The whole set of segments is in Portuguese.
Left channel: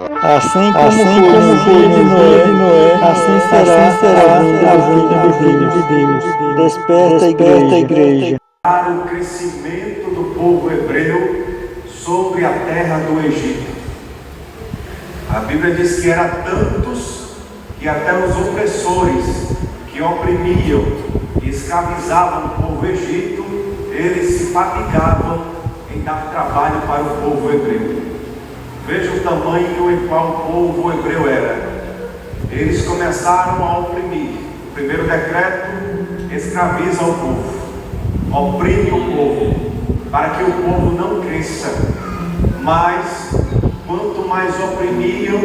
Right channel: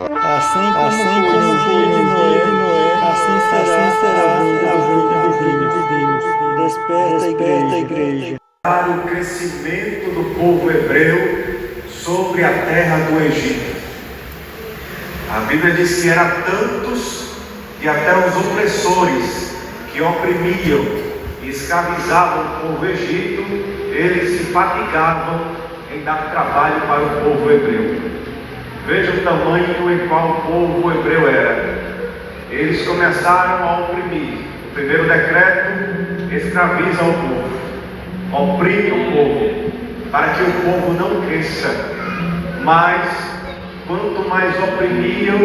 Assim como foi no dia de Noé, assim será a vinda de Deus. Desperta, igreja. Para o crescimento do povo hebreu sobre a terra do Egito. A Bíblia diz que eram tantos que até os opressores que oprimiam e escravizavam o povo egito, eles se fatigavam em dar trabalho para o povo hebreu. Veja o tamanho em qual o povo hebreu era. Eles começaram a oprimir. O primeiro decreto: escraviza o povo, oprime o povo, para que o povo não cresça. Mas quanto mais oprimiam,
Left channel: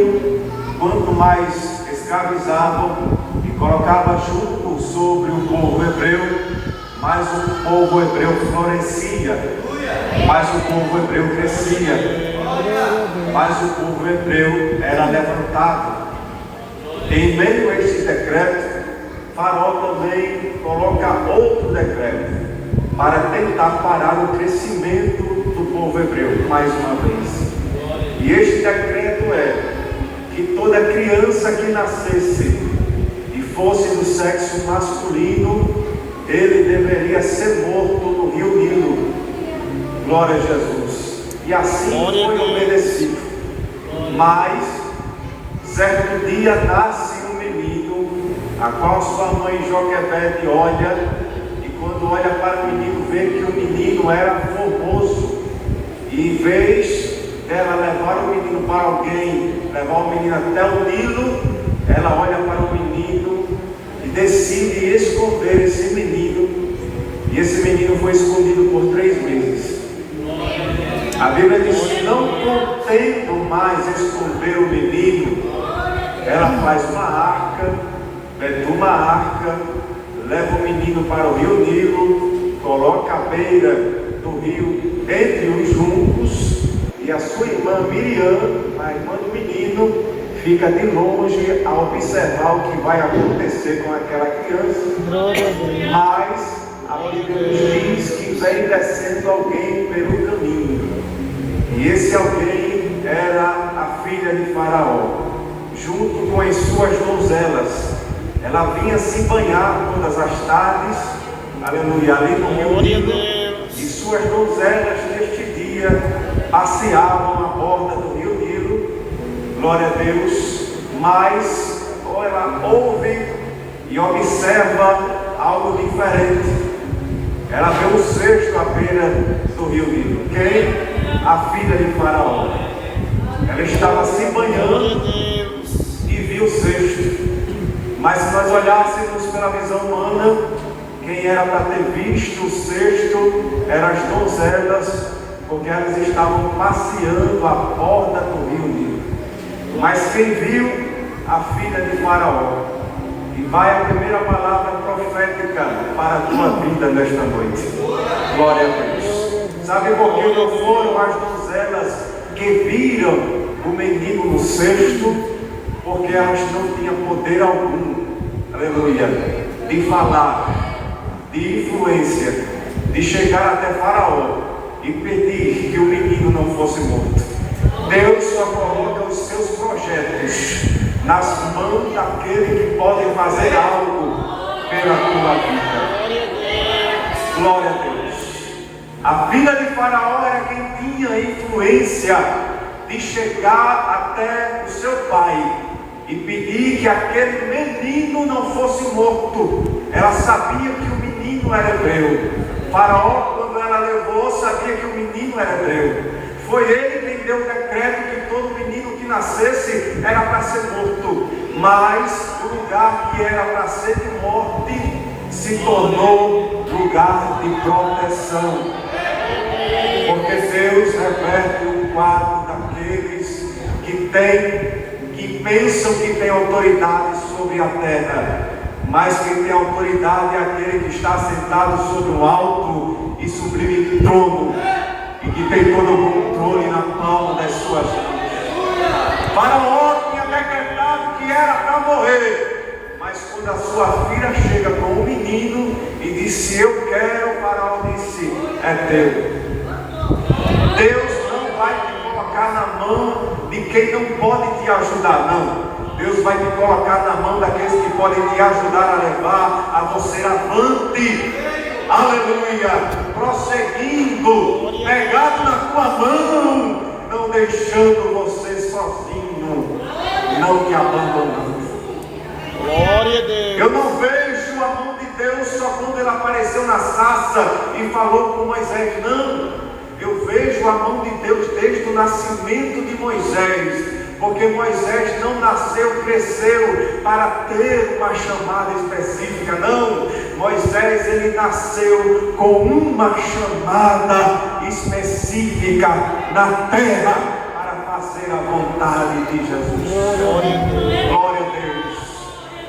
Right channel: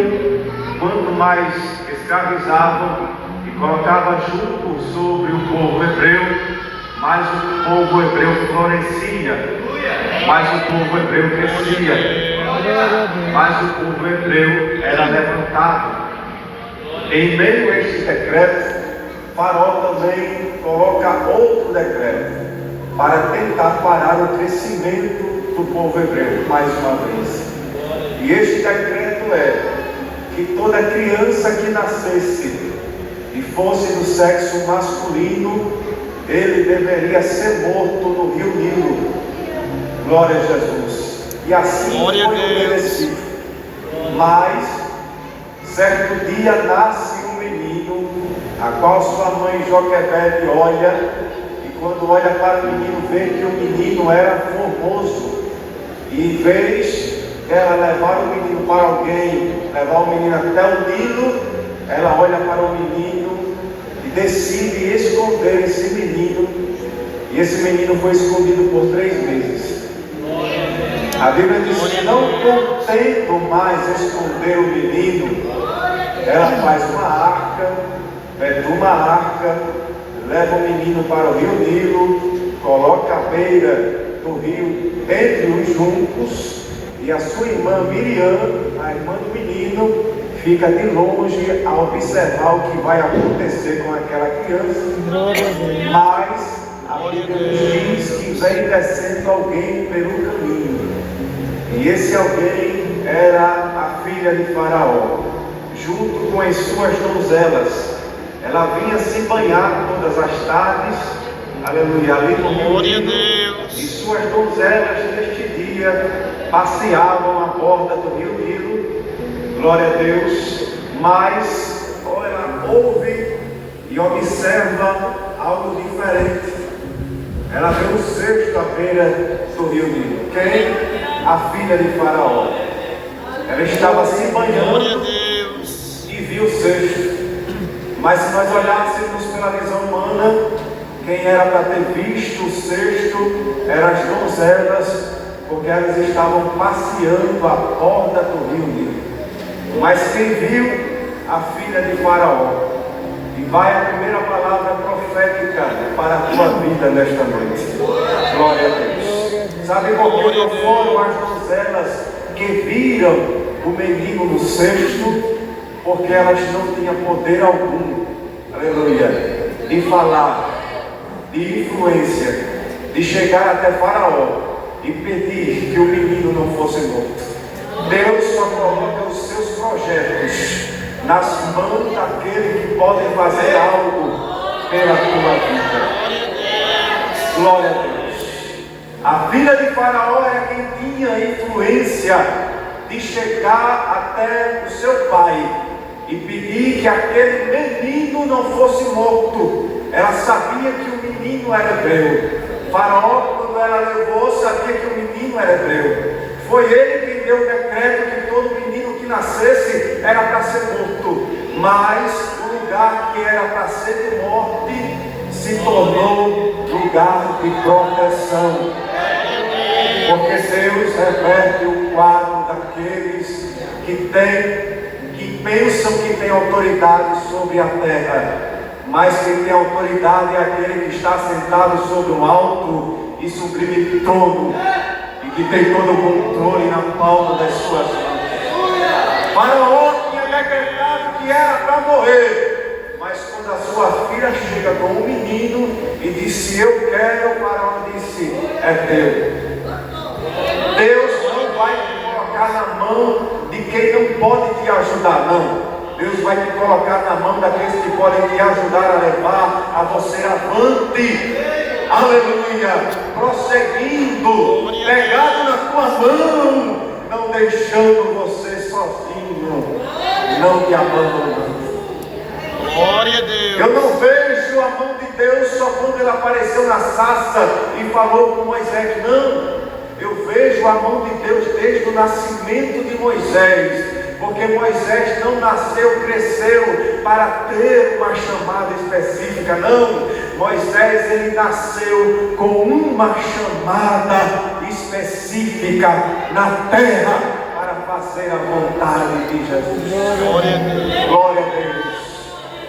quanto mais escravizavam e colocavam jugo sobre o povo hebreu, mais o povo hebreu florescia, mais o povo hebreu crescia, mais o povo hebreu era levantado. Em meio a este decreto, Faraó também coloca outro decreto para tentar parar o crescimento do povo hebreu, mais uma vez. E este decreto é que toda criança que nascesse e fosse do sexo masculino, ele deveria ser morto no rio Nilo. Glória a Jesus. E assim foi obedecido. Mas certo dia nasce um menino, a qual sua mãe Joquebede olha, e quando olha para o menino, vê que o menino era formoso. E em vez dela levar o menino para alguém, levar o menino até o Nilo, ela olha para o menino e decide esconder esse menino. E esse menino foi escondido por 3 meses. A Bíblia diz que, não podendo mais esconder o menino, ela faz uma arca, uma arca, leva o menino para o rio Nilo, coloca à beira do rio, entre os juncos, e a sua irmã Miriam, a irmã do menino, fica de longe a observar o que vai acontecer com aquela criança. Mas a Bíblia diz que vem descendo alguém pelo caminho, e esse alguém era a filha de Faraó, junto com as suas donzelas. Ela vinha se banhar todas as tardes, aleluia, ali no rio Nilo, e suas donzelas neste dia passeavam à borda do rio Nilo, glória a Deus. Mas ela ouve e observa algo diferente. Ela vê o cesto à beira do rio Nilo. Quem? A filha de Faraó. Ela estava se banhando e viu o cesto. Mas se nós olhássemos pela visão humana, quem era para ter visto o cesto eram as donzelas, porque elas estavam passeando à borda do rio Nilo. Mas quem viu? A filha de Faraó. E vai a primeira palavra profética para a tua vida nesta noite. Glória a Deus. Sabe por que não foram as donzelas que viram o menino no cesto? Porque elas não tinham poder algum, aleluia, de falar, de influência, de chegar até Faraó e pedir que o menino não fosse morto. Deus só coloca os seus projetos nas mãos daquele que pode fazer algo pela tua vida. Glória a Deus. A filha de Faraó era quem tinha influência de chegar até o seu pai e pedir que aquele menino não fosse morto. Ela sabia que o menino era hebreu. Faraó, quando ela levou, sabia que o menino era hebreu. Foi ele quem deu o decreto que todo menino que nascesse era para ser morto. Mas o lugar que era para ser de morte se tornou lugar de proteção. Porque Deus reverte o quadro daqueles que pensam que tem autoridade sobre a terra. Mas quem tem autoridade é aquele que está sentado sobre um alto e sublime trono, e que tem todo o controle na palma das suas mãos. Faraó tinha decretado que era para morrer, mas quando a sua filha chega com um menino e disse: eu quero, o Faraó disse: é teu. Deus não vai te colocar na mão de de quem não pode te ajudar, não. Deus vai te colocar na mão daqueles que podem te ajudar a levar a você avante. Aleluia. Prosseguindo, pegado na tua mão, não deixando você sozinho, não te abandonando. Glória a Deus. Eu não vejo a mão de Deus só quando ele apareceu na sarça e falou com Moisés, não. Eu vejo a mão de Deus desde o nascimento de Moisés. Porque Moisés não nasceu, cresceu para ter uma chamada específica, não. Moisés, ele nasceu com uma chamada específica na terra para fazer a vontade de Jesus. Glória a Deus. Glória a Deus.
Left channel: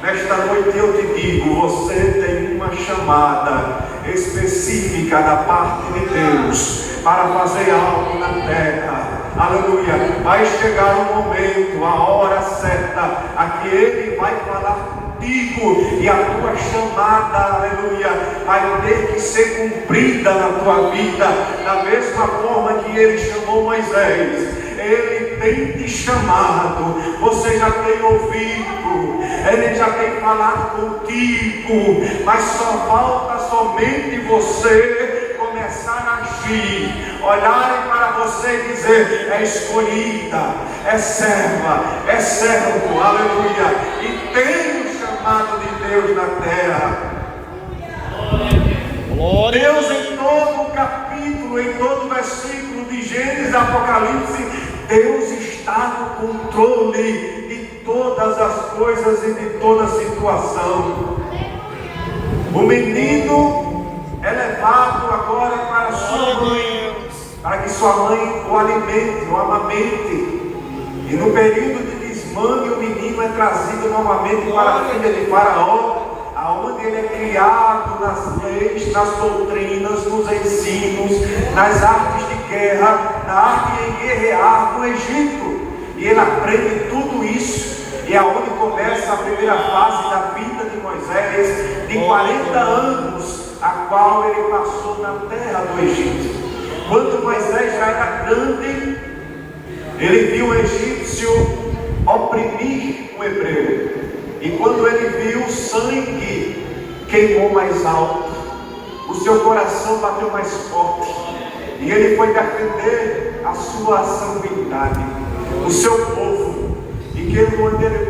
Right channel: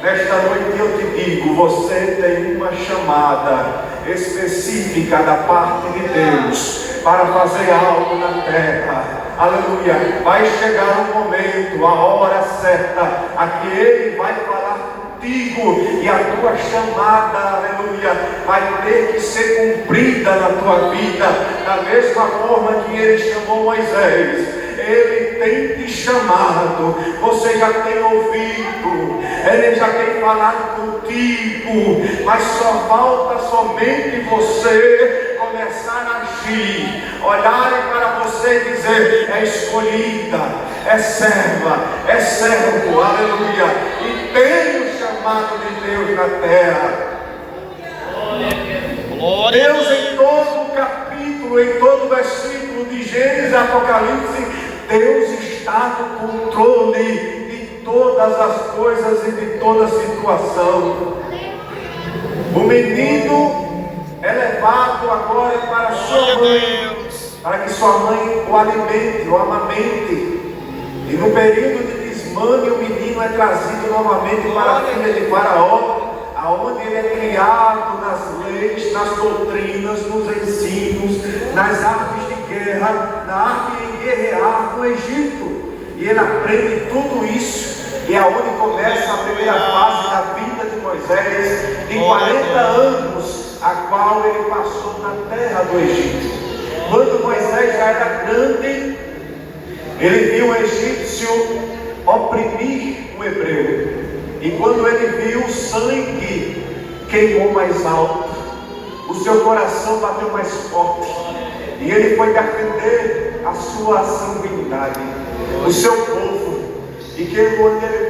Nesta noite eu te digo, você tem uma chamada específica da parte de Deus para fazer algo na terra. Aleluia. Vai chegar o momento, a hora certa, a que Ele vai falar contigo e a tua chamada, aleluia, vai ter que ser cumprida na tua vida, da mesma forma que Ele chamou Moisés. Ele tem te chamado, você já tem ouvido, Ele já tem falado contigo, mas só falta somente você começar a agir, olharem para você e dizer, é escolhida, é serva, é servo, aleluia, e tem o chamado de Deus na terra. Glória a Deus Deus. em todo o capítulo, em todo o versículo de Gênesis e Apocalipse, Deus está no controle de todas as coisas e de toda situação. O menino é levado agora para sua mãe, para que sua mãe o alimente, o amamente. E no período de desmame, o menino é trazido novamente para a filha de Faraó, aonde ele é criado nas leis, nas doutrinas, nos ensinos, nas artes de guerra, na arte de guerrear no Egito. E ele aprende tudo isso, e é onde começa a primeira fase da vida de Moisés, de 40 anos, a qual ele passou na terra do Egito. Quando Moisés já era grande, ele viu o egípcio oprimir o hebreu. E quando ele viu o sangue, queimou mais alto, o seu coração bateu mais forte, e ele foi defender a sua sanguinidade, o seu povo. E que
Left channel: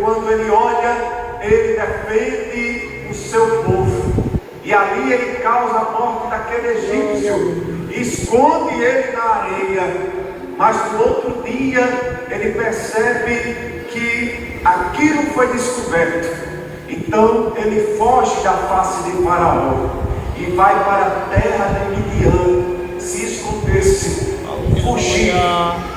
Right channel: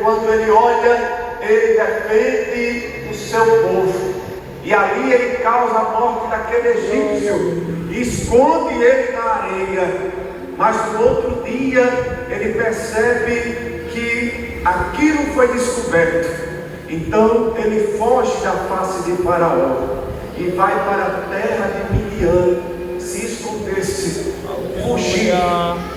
quando ele olha, ele defende o seu povo, e ali ele causa a morte daquele egípcio, e esconde ele na areia. Mas no outro dia ele percebe que aquilo foi descoberto. Então ele foge da face de Faraó e vai para a terra de Midian, se esconder-se, fugir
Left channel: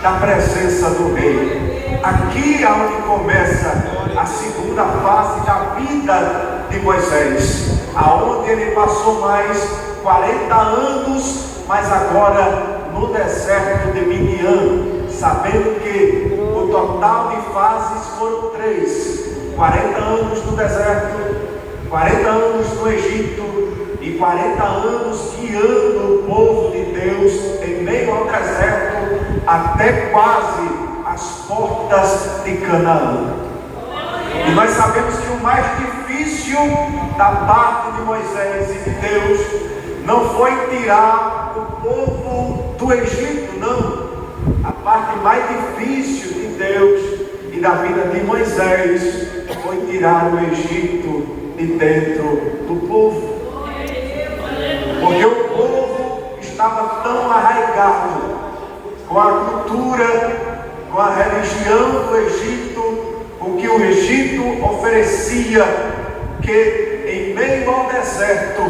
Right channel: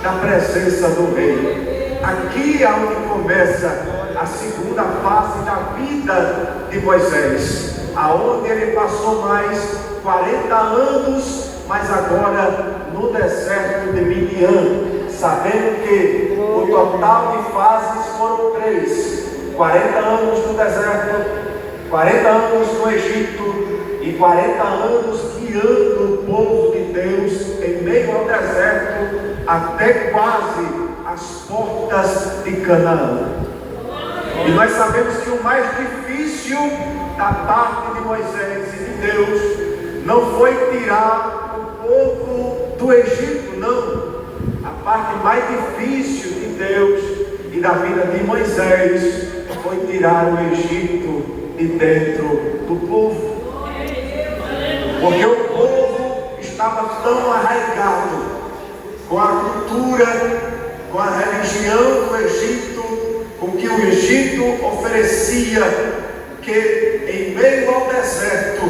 da presença do rei. Aqui é onde começa a segunda fase da vida de Moisés, aonde ele passou mais 40 anos, mas agora no deserto de Midian, sabendo que o total de fases foram 3: 40 anos no deserto, 40 anos no Egito e 40 anos guiando o povo de Deus em meio ao deserto até quase as portas de Canaã. E nós sabemos que o mais difícil da parte de Moisés e de Deus não foi tirar o povo do Egito, não. A parte mais difícil de Deus e da vida de Moisés foi tirar o Egito de dentro do povo. Porque o povo estava tão arraigado com a cultura, com a religião do Egito, com o que o Egito oferecia, que em meio ao deserto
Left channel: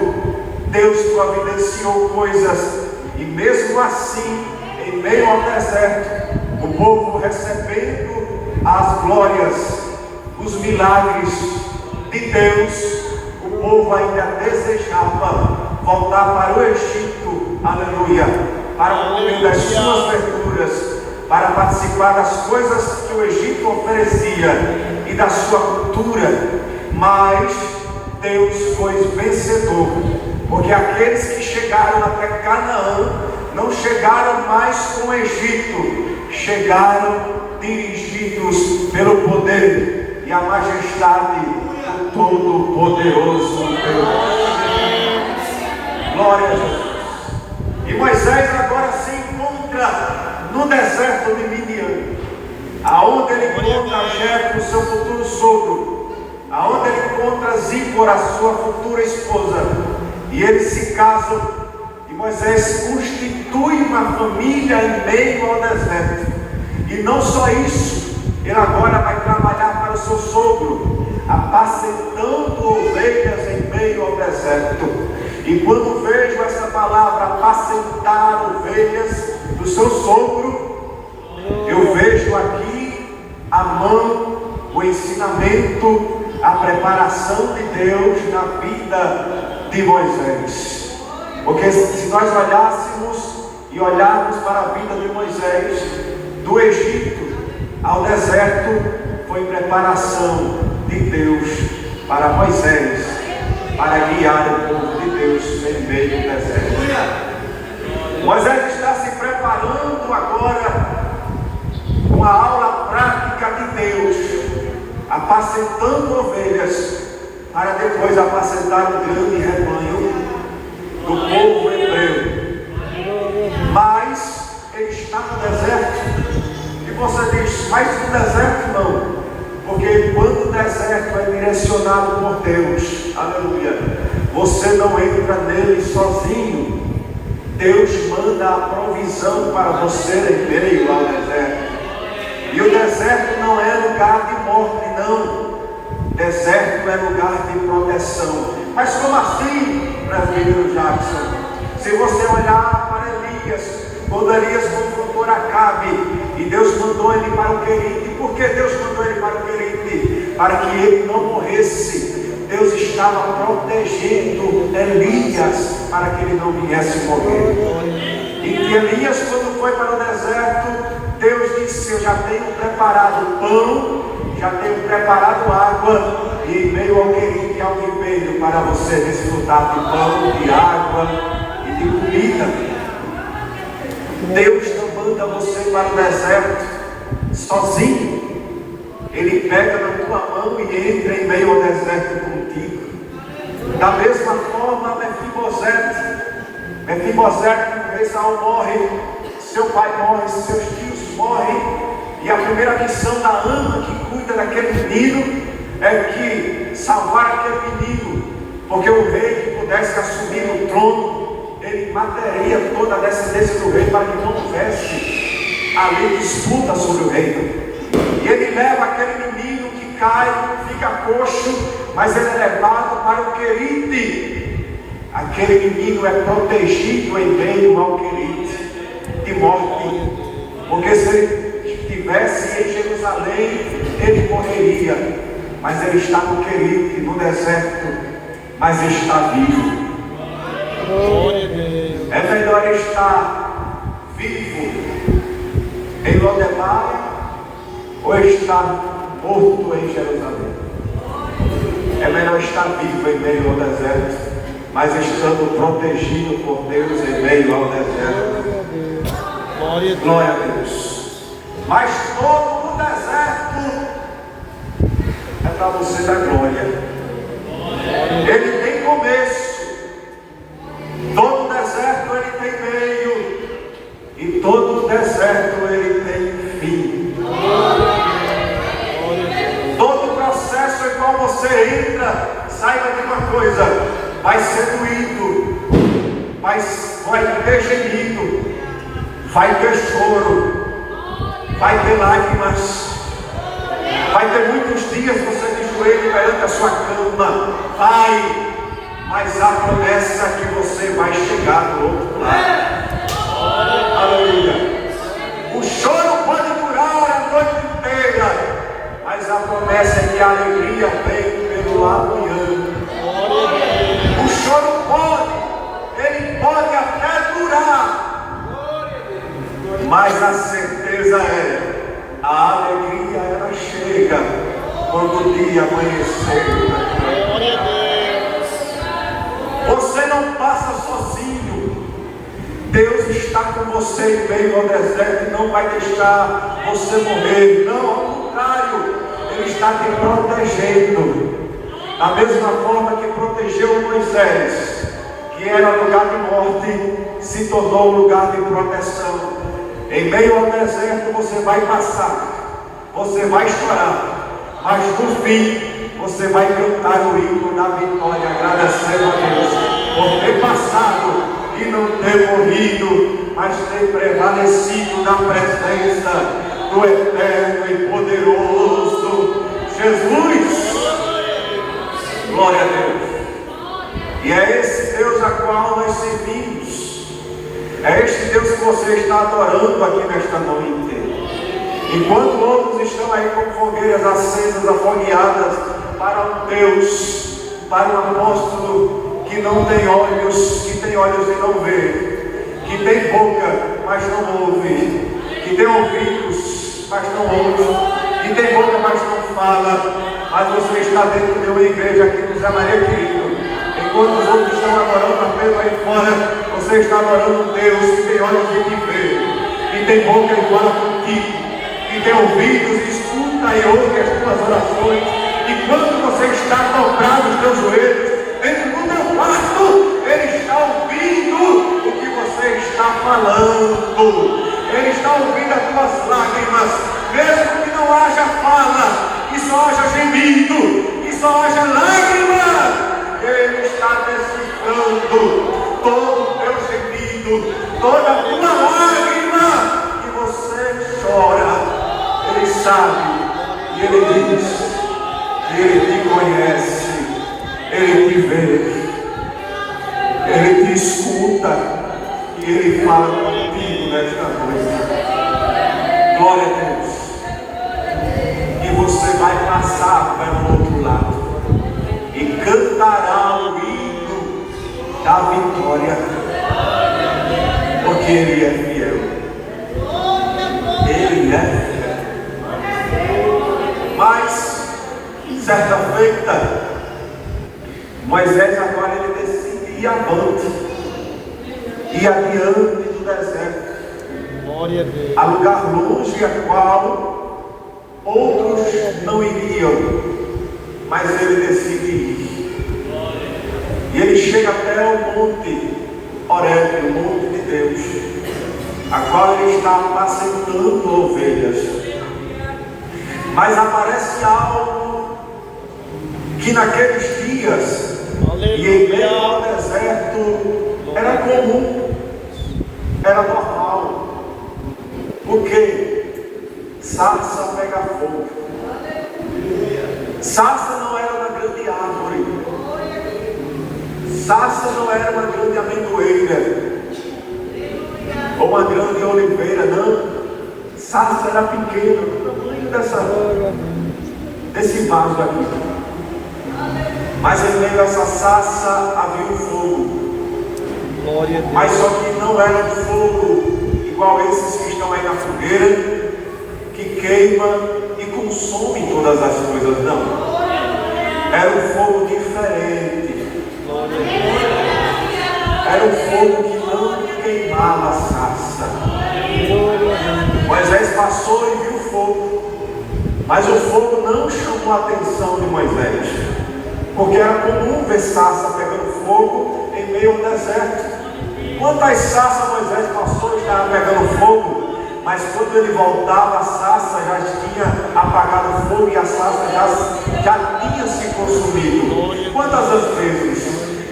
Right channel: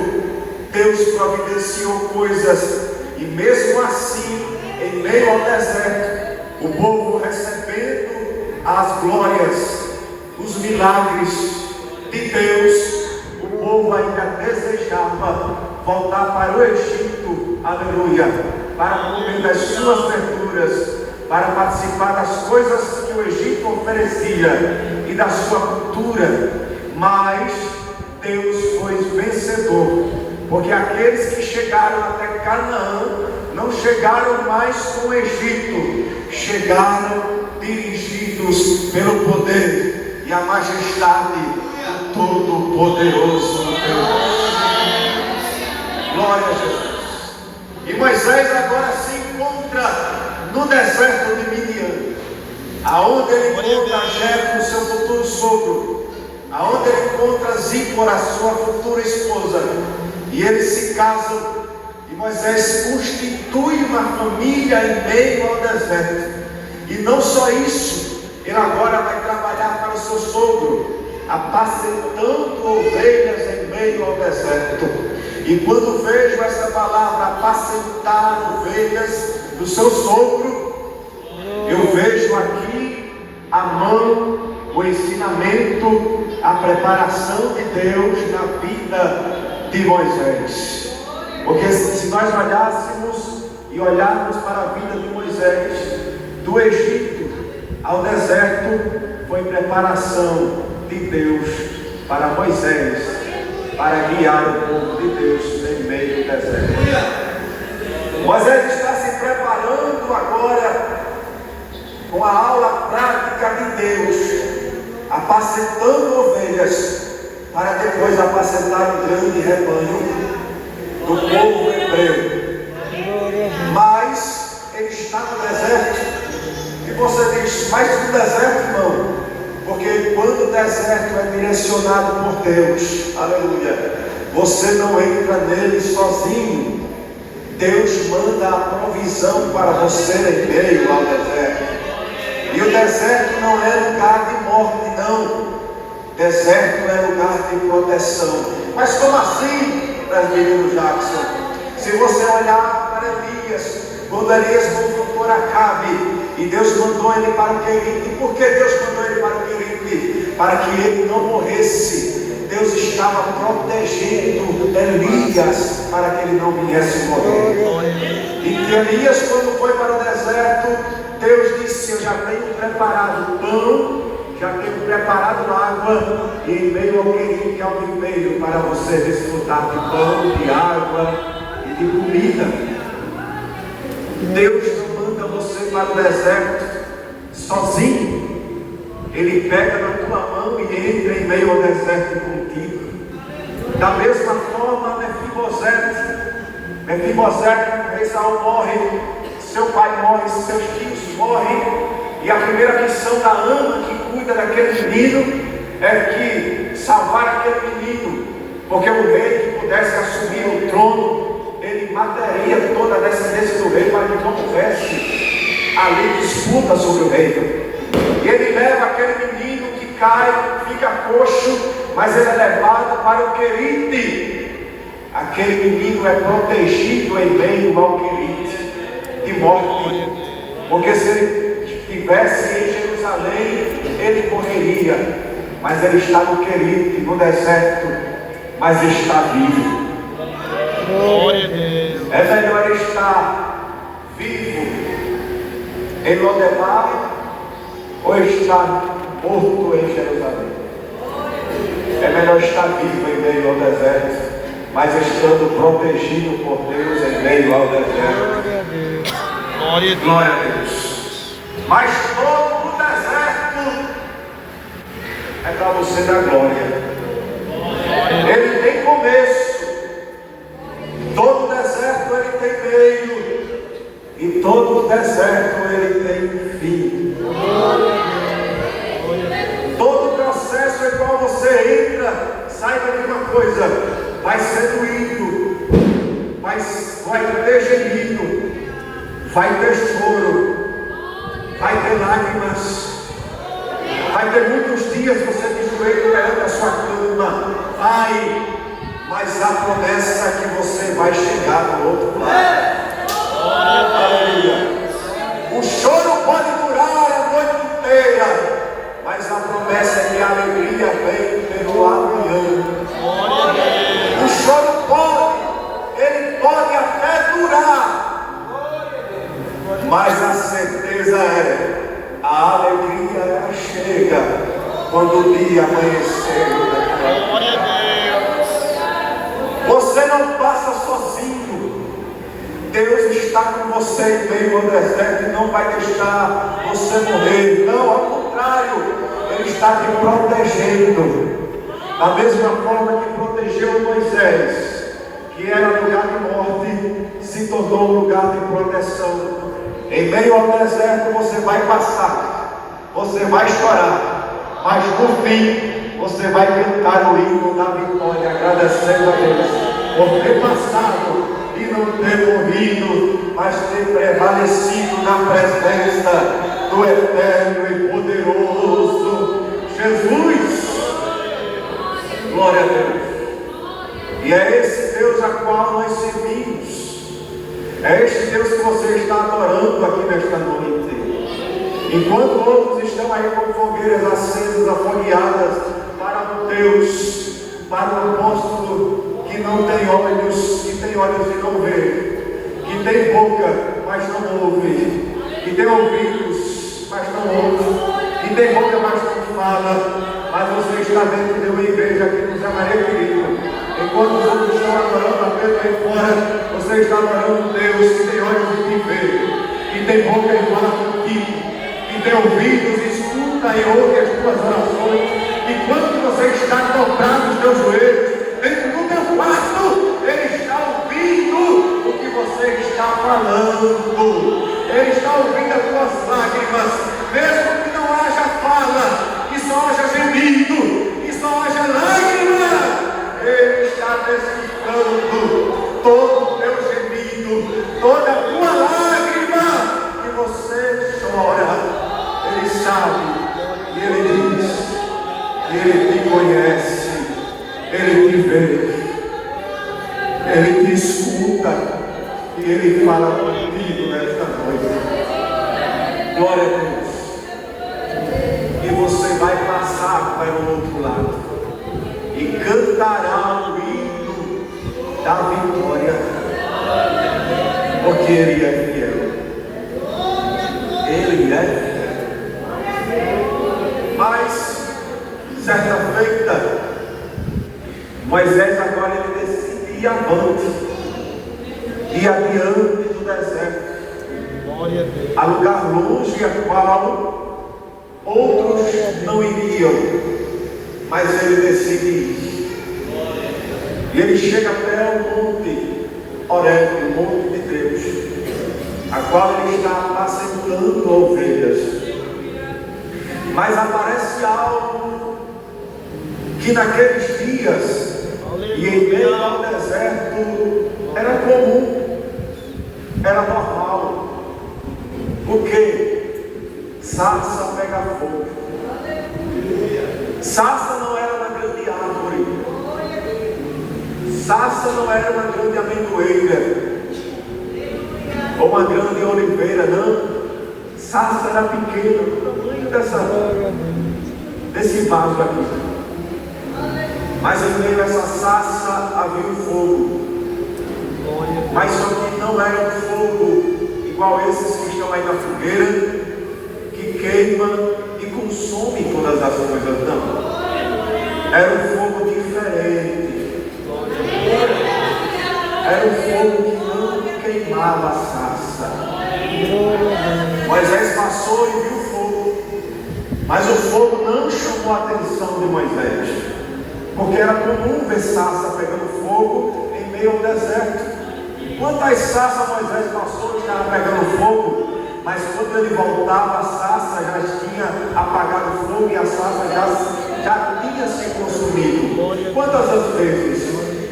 Deus providenciou coisas, e mesmo assim, em meio ao deserto, o povo recebendo as glórias, os milagres de Deus, o povo ainda desejava voltar para o Egito, aleluia, para comer das suas verduras, para participar das coisas que o Egito oferecia e da sua cultura. Mas Deus foi vencedor, porque aqueles que chegaram até Canaã não chegaram mais com o Egito, chegaram dirigidos pelo poder e a majestade do Todo-Poderoso Deus. Glória a Jesus. E Moisés agora se encontra no deserto de Midian, aonde ele encontra Jetro, seu futuro sogro, aonde ele encontra Zípora, sua futura esposa, e eles se casam, e Moisés constitui uma família em meio ao deserto. E não só isso, ele agora vai trabalhar para o seu sogro, apacentando ovelhas em meio ao deserto. E quando vejo essa palavra, apacentar ovelhas do seu sogro, eu vejo aqui a mão, o ensinamento, a preparação de Deus na vida de Moisés. Porque se nós olhássemos e olharmos para a vida de Moisés, do Egito ao deserto, foi preparação de Deus para Moisés, para guiar o povo de Deus em meio ao deserto. Moisés está se preparando agora com a aula prática de Deus, apacentando ovelhas, para depois apacentar um grande rebanho do povo hebreu. Mas ele está no deserto, e você diz, mas no deserto não. Porque quando o deserto é direcionado por Deus, aleluia, você não entra nele sozinho. Deus manda a provisão para você em meio ao deserto. E o deserto não é lugar de morte, não. Deserto é lugar de proteção. Mas como assim, presbítero Jackson? Se você olhar para Elias, quando Elias confrontou Acabe, e Deus mandou ele para o Querite. E por que Deus mandou ele para o Querite? Para que ele não morresse. Deus estava protegendo Elias para que ele não viesse morrer. E que Elias, quando foi para o deserto, Deus disse, eu já tenho preparado pão, já tenho preparado água, e em meio ao Querite há um ribeiro para você desfrutar de pão, de água e de comida. Deus não manda você para o deserto sozinho. Ele pega na tua mão e entra em meio ao deserto contigo. Da mesma forma, Mefibosete, Esaú morre, seu pai morre, seus tios morrem, e a primeira missão da ama que cuida daquele menino é que salvar aquele menino, porque o rei que pudesse assumir o trono, ele mataria toda a descendência do rei para que não houvesse ali disputa sobre o reino. E ele leva aquele menino que cai, fica coxo, mas ele é levado para o Querite. Aquele menino é protegido em meio ao Querite de morte, porque se ele estivesse em Jerusalém, ele morreria. Mas ele está no Querite, no deserto, mas está vivo. É melhor estar vivo em Lodebar ou estar morto em Jerusalém? É melhor estar vivo em meio ao deserto, mas estando protegido por Deus em meio ao deserto. Glória a Deus. Mas todo o deserto é para você dar glória. Ele tem começo. Todo deserto ele tem meio, e todo deserto ele tem fim. Todo processo em qual você entra, saiba de uma coisa, vai ser doído, mas vai ter gemido, vai ter choro, vai ter lágrimas, vai ter muitos dias você de joelho perante a sua cama, vai. Mas a promessa é que você vai chegar do outro lado. Aleluia. O choro pode durar a noite inteira, mas a promessa é que a alegria vem pelo amanhã. O choro ele pode até durar, mas a certeza é, a alegria ela chega quando o dia amanhecer. Você não passa sozinho. Deus está com você em meio ao deserto e não vai deixar você morrer. Não, ao contrário, Ele está te protegendo. Da mesma forma que protegeu Moisés, que era lugar de morte, se tornou um lugar de proteção. Em meio ao deserto você vai passar, você vai chorar, mas no fim você vai cantar o hino da vitória, agradecendo a Deus por ter passado e não ter morrido, mas ter prevalecido na presença do eterno e poderoso Jesus. Glória a Deus. E é esse Deus a qual nós servimos. É este Deus que você está adorando aqui nesta noite. Enquanto outros estão aí com fogueiras acesas, afogueadas para um Deus, para um apóstolo que não tem olhos, que tem olhos e não vê, que tem boca, mas não ouve, que tem ouvidos, mas não ouve, que tem boca, mas não fala. Mas você está dentro de uma igreja aqui no Zé Maria Querido. Enquanto os outros estão adorando a Pedro aí fora, você está adorando um Deus que tem olhos e te vê, que tem boca e fala contigo, que tem ouvidos e escuta e ouve as tuas orações. E quando você está dobrado os teus joelhos dentro do teu quarto, Ele está ouvindo o que você está falando. Ele está ouvindo as tuas lágrimas, mesmo que não haja fala, que só haja gemido, que só haja lágrima. Ele está decifrando todo o teu gemido, toda a tua lágrima que você chora. Ele sabe e Ele diz que Ele te conhece, Ele te vê, Ele te escuta e Ele fala contigo nesta noite. Glória a Deus. E você vai passar para o outro lado e cantará o hino da vitória, porque Ele é fiel. Ele é fiel. Mas, certa feita, Moisés agora ele decide ir avante, ir adiante do deserto, a lugar longe a qual outros não iriam, mas ele decide ir. E ele chega até o monte Horebe, o monte de Deus, a qual ele está apacentando ovelhas. Mas aparece algo que naqueles dias e em meio ao deserto era comum, era normal. Porque sarça pega fogo. Sarça não era uma grande árvore. Sarça não era uma grande amendoeira ou uma grande oliveira, não. Sarça era pequena, do tamanho desse vaso aqui. Mas em meio a essa sarça havia um fogo. Mas só que não era um fogo igual esses que estão aí na fogueira, que queima e consome todas as coisas, não. Era um fogo diferente. Era um fogo que não queimava a sarça. Moisés passou e viu o fogo, mas o fogo não chamou a atenção de Moisés, porque era comum ver sarça pegando fogo em meio ao deserto. Quantas sarças Moisés passou e estava pegando fogo, mas quando ele voltava, a sarça já tinha apagado o fogo e a sarça já tinha se consumido. Quantas as vezes?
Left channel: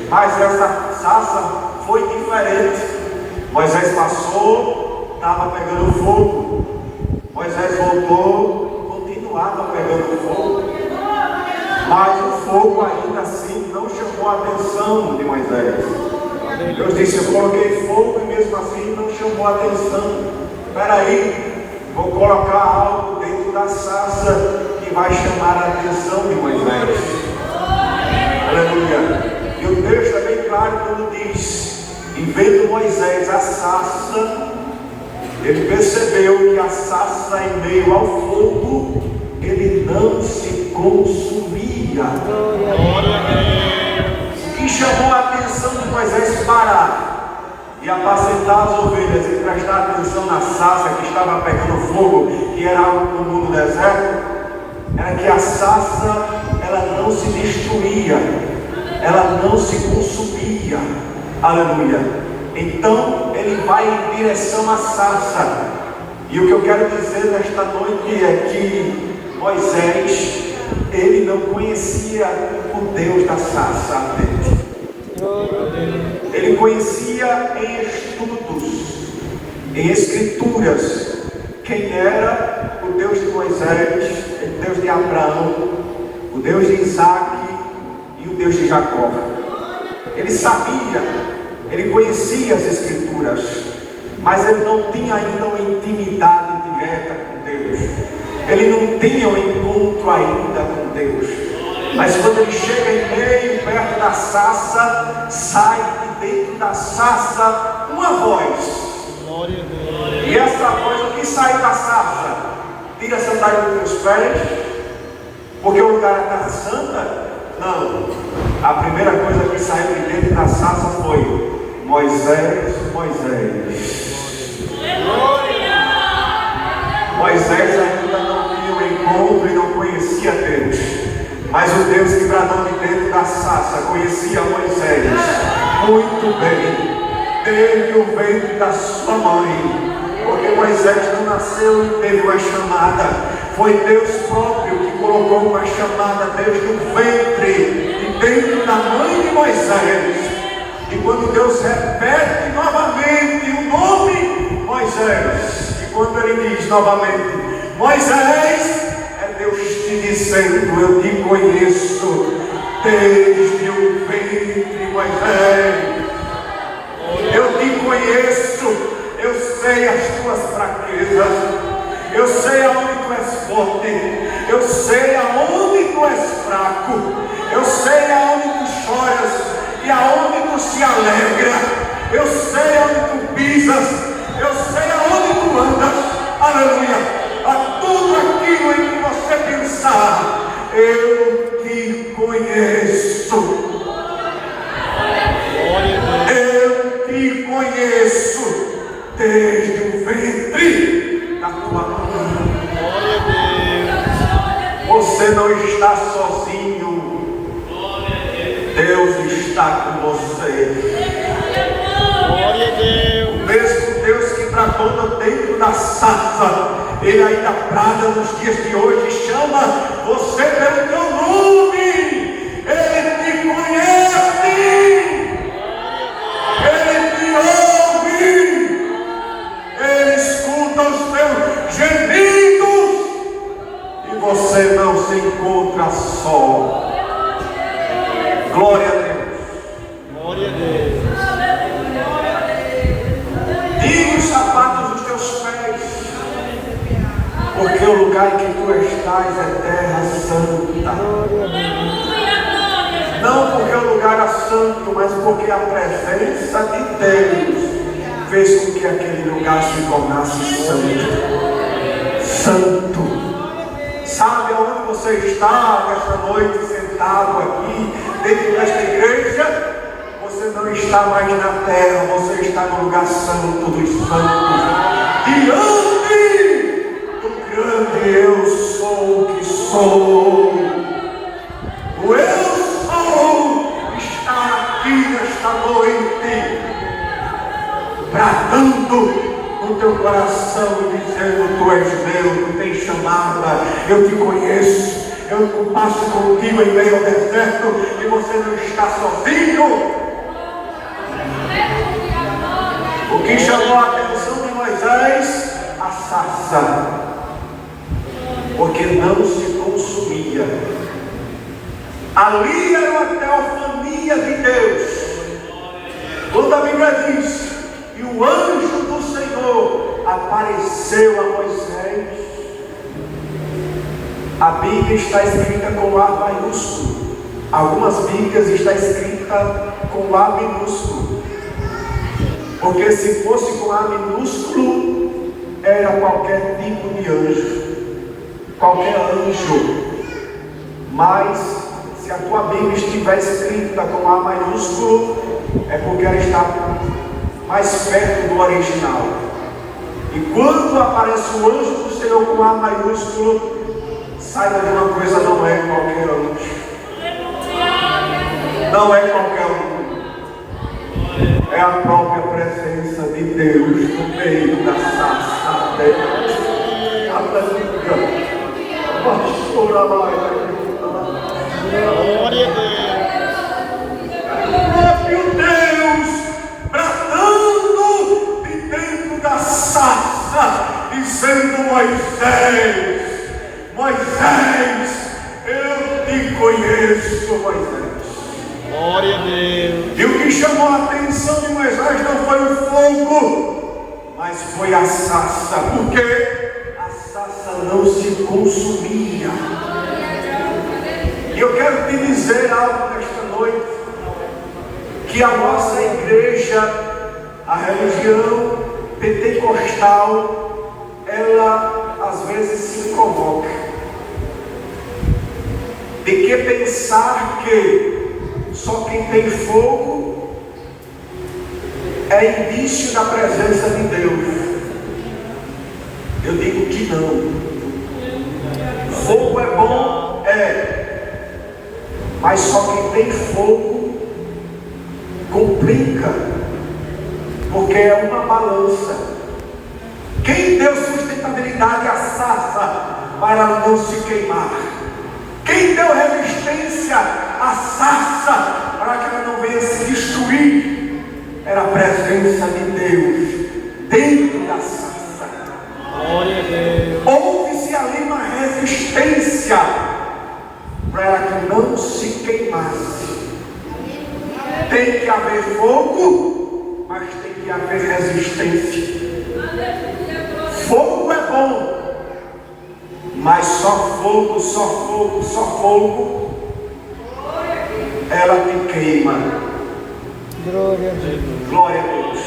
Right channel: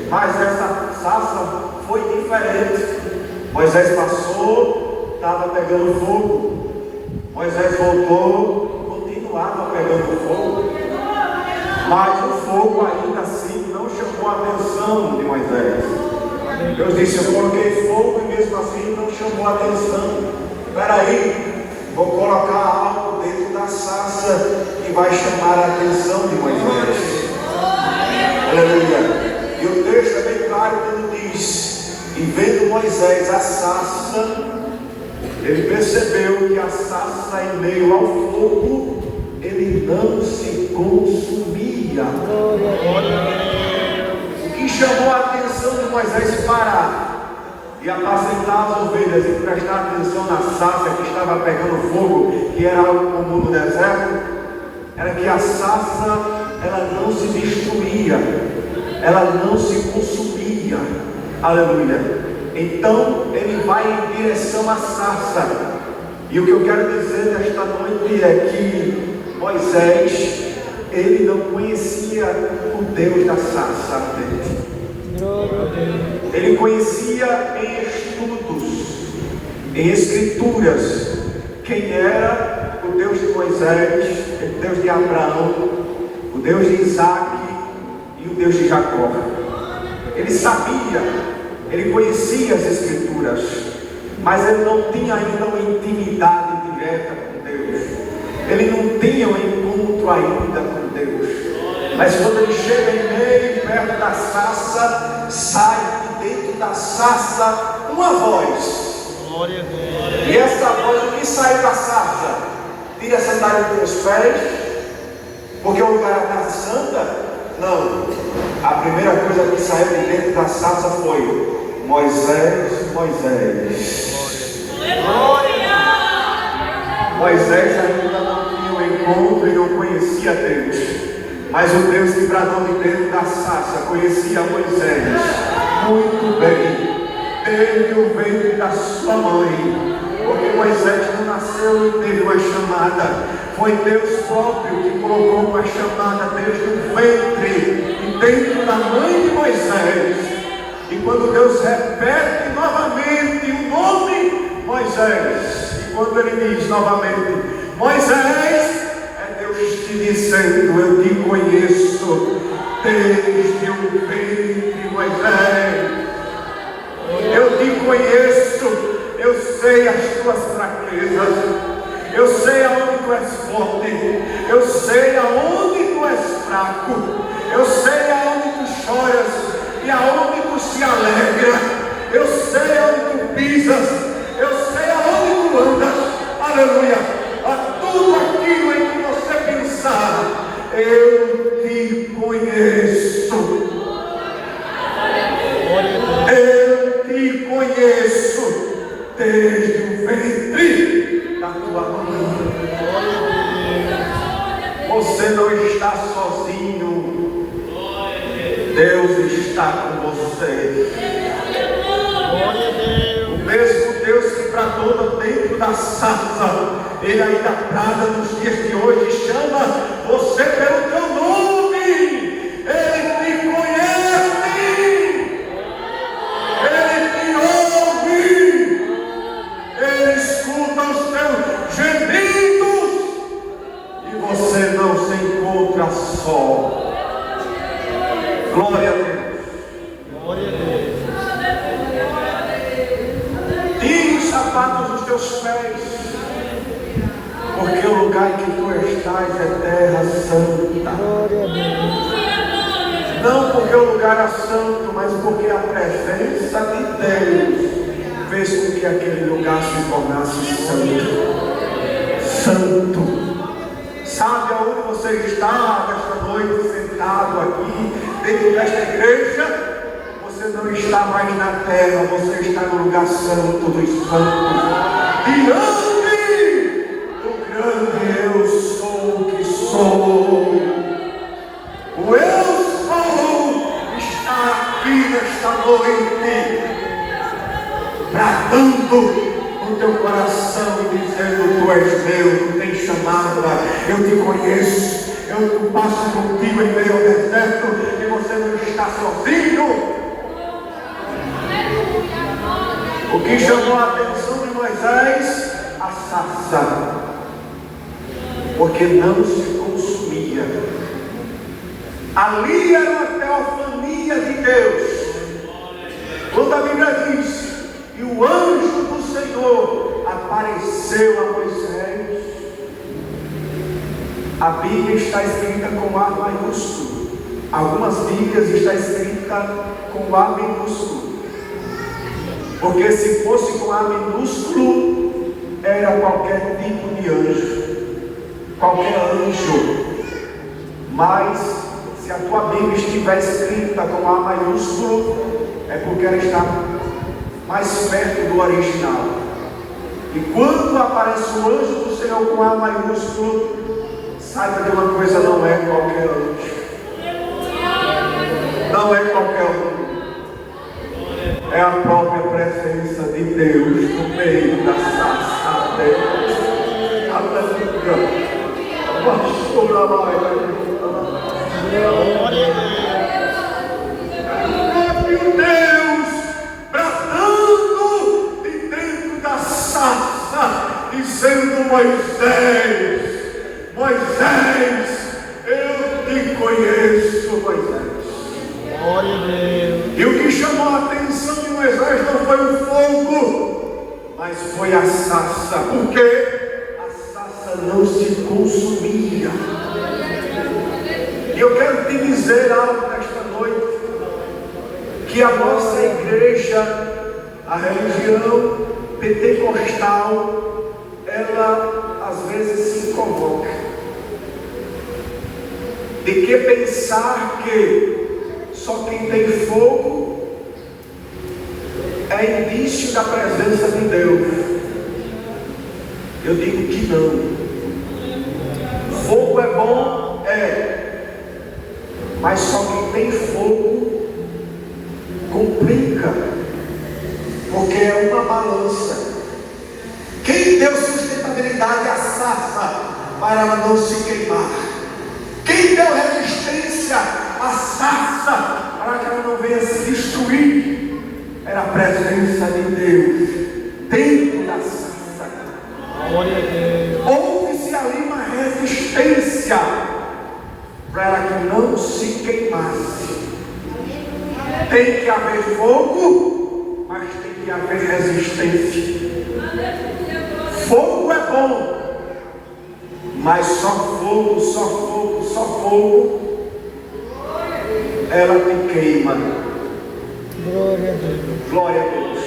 Mas essa sarça foi diferente. Moisés passou, estava pegando fogo. Moisés voltou, continuava pegando fogo. Mas o fogo ainda assim não chamou a atenção de Moisés. Deus disse: eu coloquei fogo e mesmo assim não chamou a atenção. Espera aí, vou colocar algo dentro da sarça que vai chamar a atenção de Moisés. Aleluia. E o texto é bem claro quando diz: e vendo Moisés a sarça, ele percebeu que a sarça em meio ao fogo, ele não se consumia. O que chamou a atenção de Moisés parar e apacentar as ovelhas e prestar atenção na sarça que estava pegando fogo, que era algo comum no deserto, era que a sarça, ela não se destruía, ela não se consumia. Aleluia. Então ele vai em direção à sarça, e o que eu quero dizer nesta noite é que Moisés, ele não conhecia o Deus da sarça ardente. Ele conhecia em estudos, em escrituras, quem era o Deus de Moisés, o Deus de Abraão, o Deus de Isaac e o Deus de Jacó. Ele sabia, ele conhecia as escrituras, mas ele não tinha ainda uma intimidade direta com Deus. Ele não tinha um encontro ainda com Deus. Mas quando ele chega em meio, perto da sarça, sai de dentro da sarça uma voz. Glória a Deus. E essa voz, o que saiu da sarça? Tira a sandália dos teus pés, porque o lugar é terra santa? Não. A primeira coisa que saiu de dentro da sarça foi: Moisés, Moisés. Moisés ainda não tinha um encontro e não conhecia Deus. Mas o Deus que bradou de dentro da sarça conhecia Moisés muito bem, desde o ventre da sua mãe, porque Moisés não nasceu e teve uma chamada. Foi Deus próprio que colocou uma chamada desde o ventre e dentro da mãe de Moisés. E quando Deus repete novamente o nome Moisés, e quando ele diz novamente Moisés, Deus te dizendo: eu te conheço desde o ventre, Moisés. Eu te conheço, eu sei as tuas fraquezas, eu sei aonde tu és forte, eu sei aonde tu és fraco, eu sei aonde tu choras e aonde tu se alegra, eu sei aonde tu pisas, eu sei aonde tu andas. Aleluia. A tudo aquilo em que você pensar, eu te conheço. Eu te conheço desde o ventre da tua mãe. Você não está sozinho. Deus está com você. Glória a Deus. O mesmo Deus que bradou dentro da sarça, Ele ainda brada nos dias de hoje e chama você pelo teu nome. Ele te conhece, Ele te ouve, Ele escuta os teus gemidos e você não se encontra só. Glória a Deus. Glória a Deus. Tire os sapatos dos teus pés, porque o lugar em que tu estás é terra santa. Não porque o lugar é santo, mas porque a presença de Deus fez com que aquele lugar se tornasse santo. Santo. Sabe aonde você está nesta noite, sentado aqui, dentro desta igreja? Você não está mais na terra, você está no lugar santo dos santos. Diante do grande eu sou o que sou. O eu sou está aqui nesta noite, bradando no teu coração e dizendo: tu és meu, tu tens chamada, eu te conheço, eu passo contigo em meio ao deserto e você não está sozinho. O que chamou a atenção de Moisés? A sarça, porque não se consumia. Ali era uma teofania de Deus. Quando a Bíblia diz: e o anjo do Senhor apareceu a Moisés, a Bíblia está escrita com A maiúsculo. Algumas Bíblias está escrita com A minúsculo. Porque se fosse com A minúsculo, era qualquer tipo de anjo, qualquer anjo. Mas se a tua Bíblia estiver escrita com A maiúsculo, é porque ela está mais perto do original. E quando aparece o anjo do Senhor com A maiúsculo, saiba de uma coisa: não é qualquer anjo. Não é qualquer um. É a própria presença de Deus no meio da sarça dele. Aleluia. Pastora lá. Glória a Próprio Deus bradando de dentro da sarça, dizendo: Moisés, Moisés, eu te conheço, Moisés. Glória a Deus. E o que chamou a atenção de Moisés não foi o fogo, mas foi a sarça, porque a sarça não se consumia. E eu quero te dizer algo nesta noite, que a nossa igreja, a religião pentecostal, ela às vezes se incomoda de que pensar que só quem tem fogo é indício da presença de Deus. Eu digo que não. Fogo é bom, mas só quem tem fogo complica, porque é uma balança. Quem deu sustentabilidade à sarça para não se queimar? Quem deu resistência à sarça para que ela não venha se destruir? Era a presença de Deus dentro da sarça. Glória a Deus. Houve-se ali uma resistência para que não se queimasse. Tem que haver fogo, mas tem que haver resistência. Fogo é bom, mas só fogo, ela te queima. Glória a Deus. Glória a Deus.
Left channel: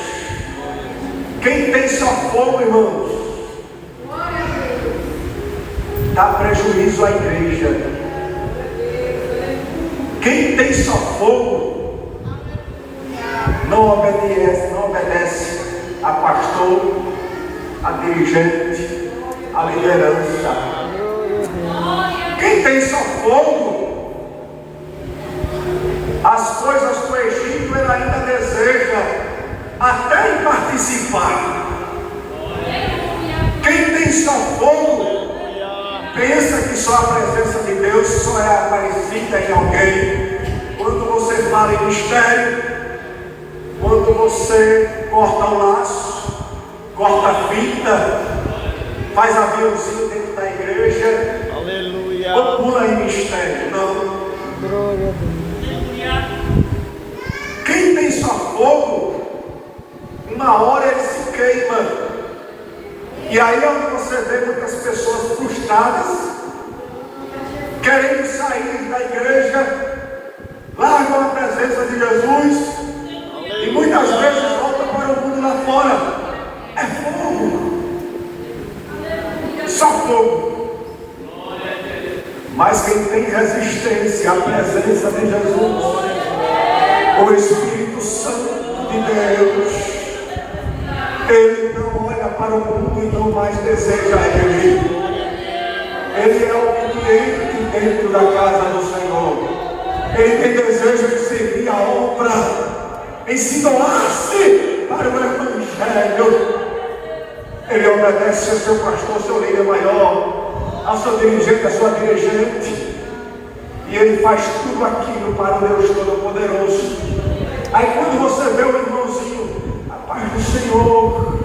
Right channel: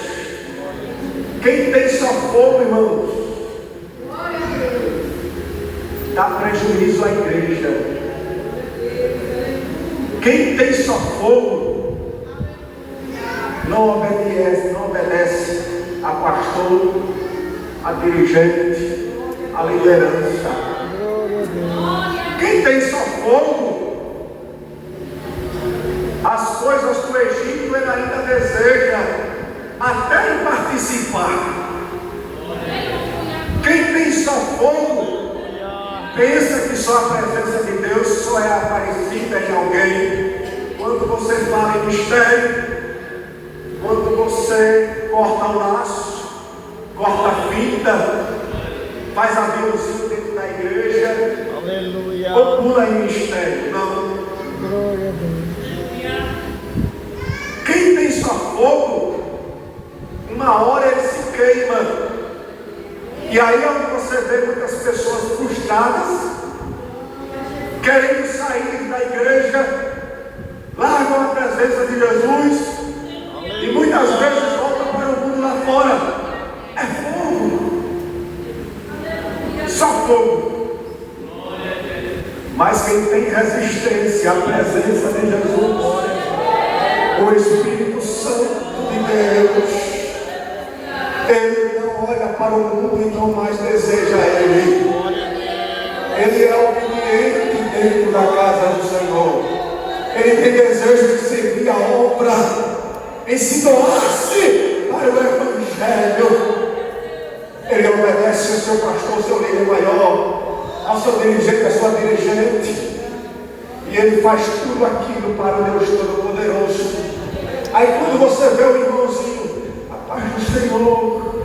Quem tem só fogo, irmãos, dá prejuízo à igreja. Quem tem só fogo, não obedece a pastor, a dirigente, a liderança. Quem tem só fogo, as coisas do Egito ele ainda deseja até em participar. Quem tem só fogo pensa que só a presença de Deus só é aparecida em alguém quando você fala em mistério, quando você corta o laço, corta a fita, faz aviãozinho dentro da igreja. Aleluia. Ou pula em mistério. Não. Glória a Deus. Quem tem só fogo, uma hora ele se queima. E aí é onde você vê muitas pessoas frustradas, querendo sair da igreja, largam a presença de Jesus e muitas vezes voltam para o mundo lá fora. É fogo, só fogo. Mas quem tem resistência à presença de Jesus, o Espírito Santo de Deus, ele não olha para o mundo e não mais deseja ele. Ele é obediente dentro da casa do Senhor. Ele tem desejo de servir a obra, em se doar-se para o Evangelho. Ele obedece ao seu pastor, ao seu líder maior, ao seu dirigente, à sua dirigente. E ele faz tudo aquilo para o Deus Todo-Poderoso. Aí quando você vê o irmãozinho, a paz do Senhor,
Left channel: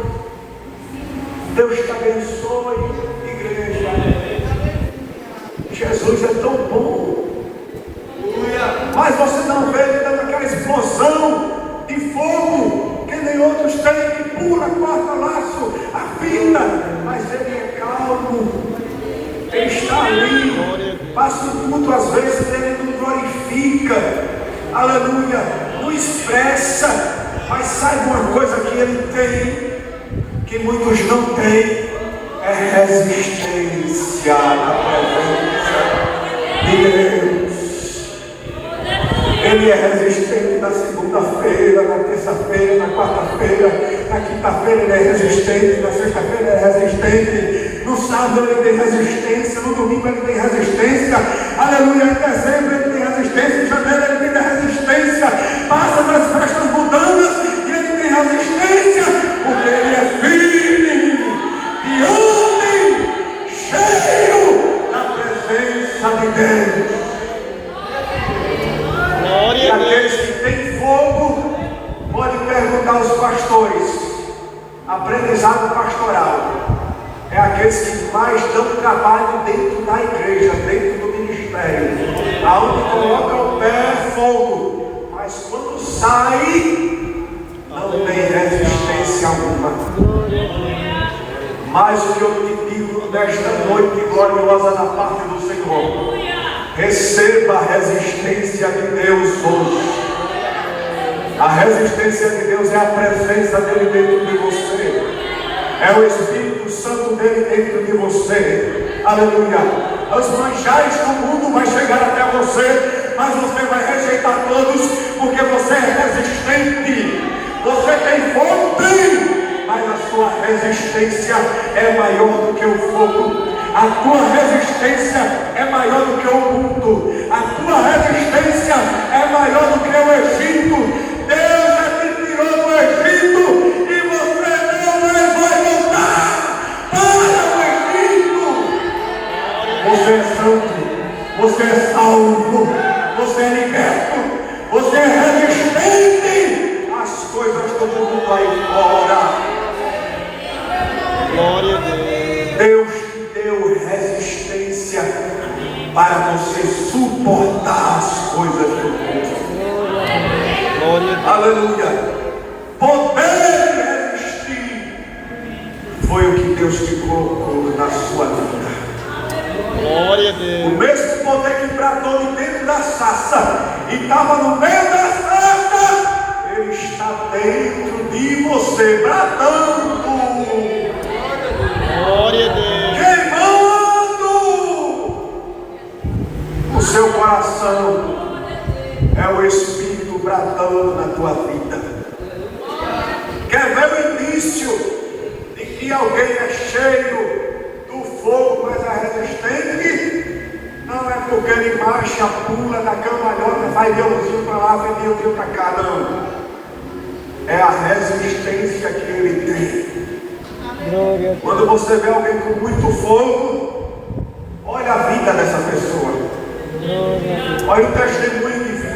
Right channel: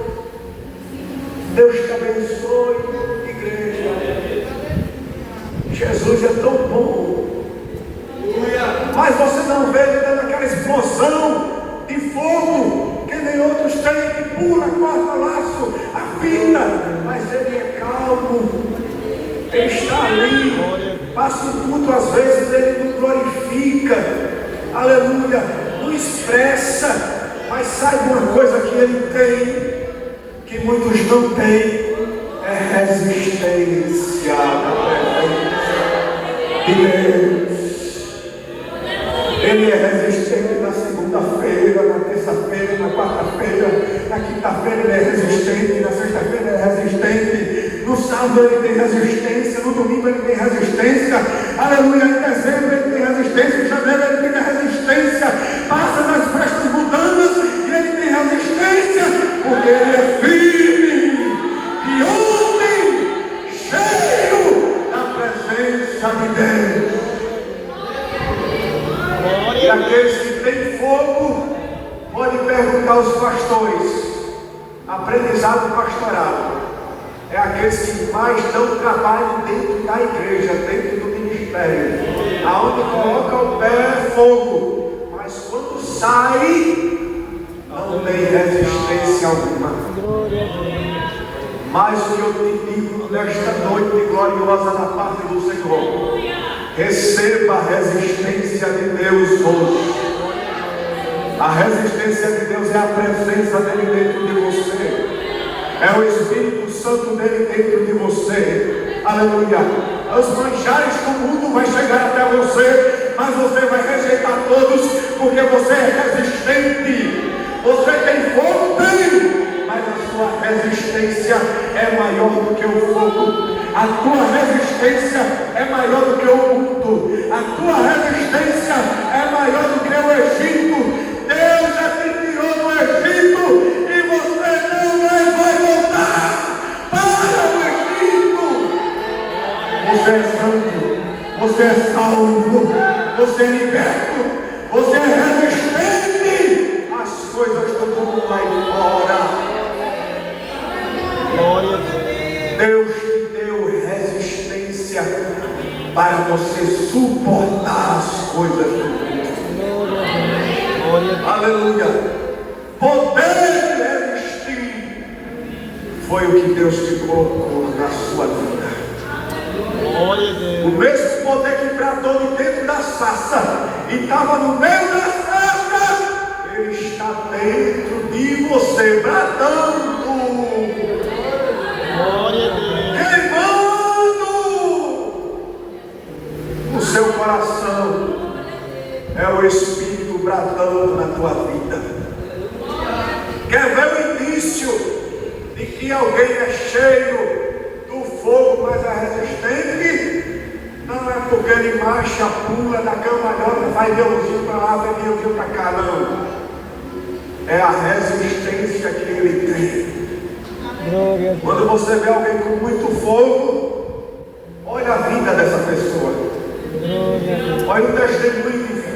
Deus te abençoe, igreja. Jesus é tão bom. Mas você não vê ele dando aquela explosão de fogo que nem outros têm, que pula, corta laço, a vida. Mas ele é calmo. Ele está ali. Passa o culto, às vezes ele não glorifica. Aleluia. Não expressa. Mas saiba uma coisa que ele tem, que muitos não têm, é resistência na presença de Deus. Ele Ele é resistente na segunda-feira, na terça-feira, na quarta-feira, na quinta-feira ele é resistente, na sexta-feira ele é resistente, no sábado ele tem resistência, no domingo ele tem resistência, aleluia, em dezembro ele tem resistência, em janeiro ele tem resistência, passa das festas mundanas e ele tem resistência, porque ele é firme, de homem, cheio da presença de Deus. E aqueles que têm fogo podem perguntar aos pastores. Aprendizado pastoral é aqueles que mais dão trabalho dentro da igreja, dentro do ministério, aonde coloca o pé é fogo, mas quando sai não tem resistência alguma. Mas o que eu te digo nesta noite gloriosa da parte do Senhor, receba a resistência de Deus hoje. A resistência de Deus é a presença dele dentro de você, é o Espírito Santo dele dentro de você, aleluia. Os manjares do mundo vão chegar até você, mas você vai rejeitar todos, porque você é resistente. Você tem fogo, tem, mas a sua resistência é maior do que o fogo. A tua resistência é maior do que o mundo. A tua resistência é maior do que o Egito. Deus já te tirou do Egito e você não vai voltar para o Egito. Você é santo, você é salvo, você é liberto, você é resistente às coisas do mundo lá fora. Glória a Deus. Deus te deu resistência para você suportar as coisas do mundo. Glória a Deus. Aleluia. Poder de resistir foi o que Deus te colocou na sua vida. Glória a O Deus. mesmo poder que bradou de dentro da sarça e estava no meio da sarça, ele está dentro de você, bradando, Glória a Deus. queimando o seu coração. É o Espírito bradando na tua vida. Quer ver o início de que alguém é cheio do fogo, mas é resistente? Não é porque ele marcha, pula da cambalhota, vai de um para lá, vai de um para cá, não. É a resistência que ele tem. Glória a Deus. Quando você vê alguém com muito fogo, olha a vida dessa pessoa. Glória a Deus. Olha o testemunho de vida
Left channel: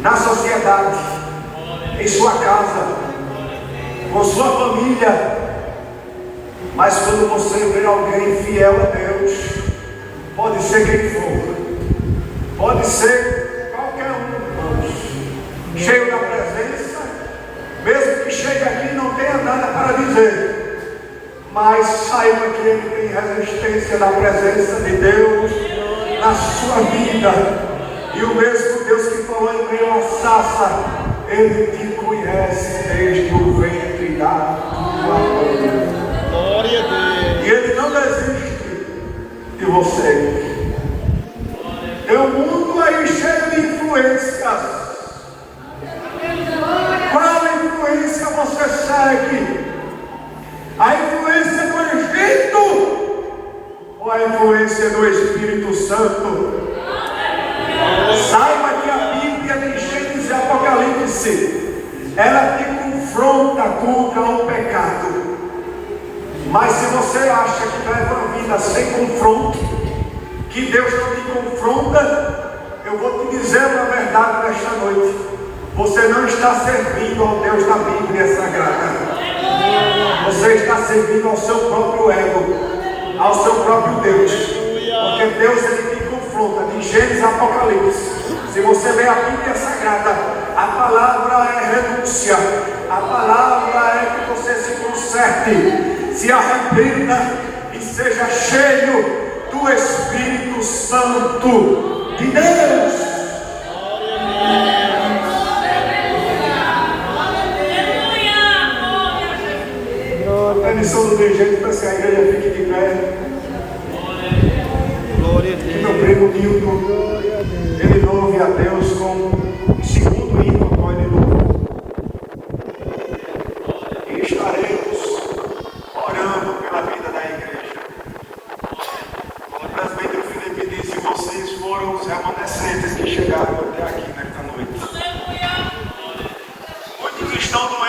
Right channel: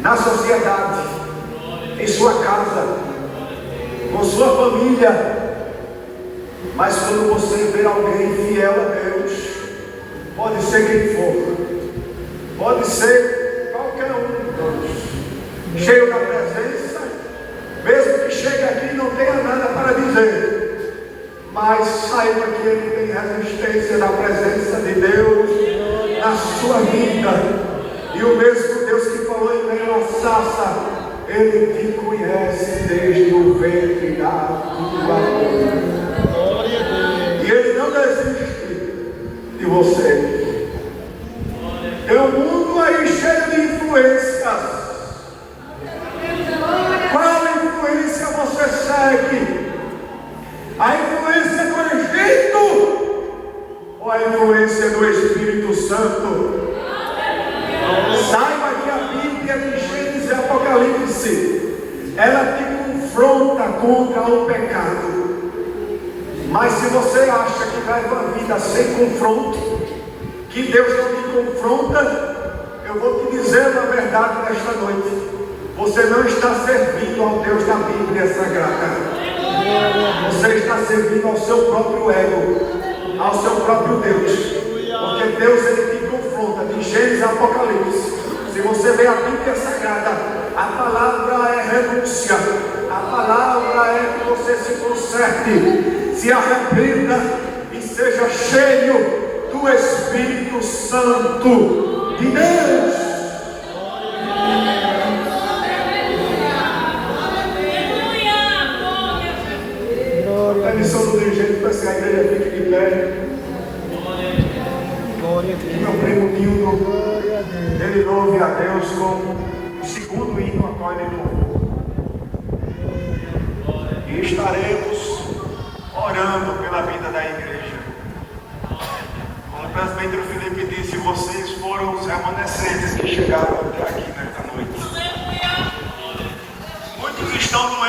na sociedade, em sua casa, com sua família. Mas quando você vê alguém fiel a Deus, pode ser quem for, pode ser qualquer um, cheio da presença, mesmo que chegue aqui e não tenha nada para dizer, mas saiba que ele tem resistência da presença de Deus na sua vida. E o mesmo Deus que falou em meio à sarça, ele te conhece desde o ventre da tua mãe. Glória a Deus. E ele não desiste de você. Tem um mundo aí cheio de influências. Qual influência você segue? A influência do Egito ou a influência do Espírito Santo? Saiba que a Bíblia de Gênesis e Apocalipse, ela te confronta contra o pecado. Mas se você acha que leva uma vida sem confronto, que Deus não te confronta, eu vou te dizer uma verdade nesta noite: você não está servindo ao Deus da Bíblia Sagrada. Você está servindo ao seu próprio ego, ao seu próprio Deus. Porque Deus, ele te confronta de Gênesis a Apocalipse. Se você vê a Bíblia Sagrada, a palavra é renúncia, a palavra é que você se conserte, se arrependa e seja cheio do Espírito Santo de Deus. A missão do dirigente para que a igreja fique de pé. Glória a E Deus. meu primo Nildo, Glória a Deus. ele ele louve a Deus com o segundo hino agora de louvor. E estaremos orando pela vida da igreja. Como o presbítero Felipe disse, vocês foram os remanescentes que chegaram até aqui nesta noite. Muitos estão no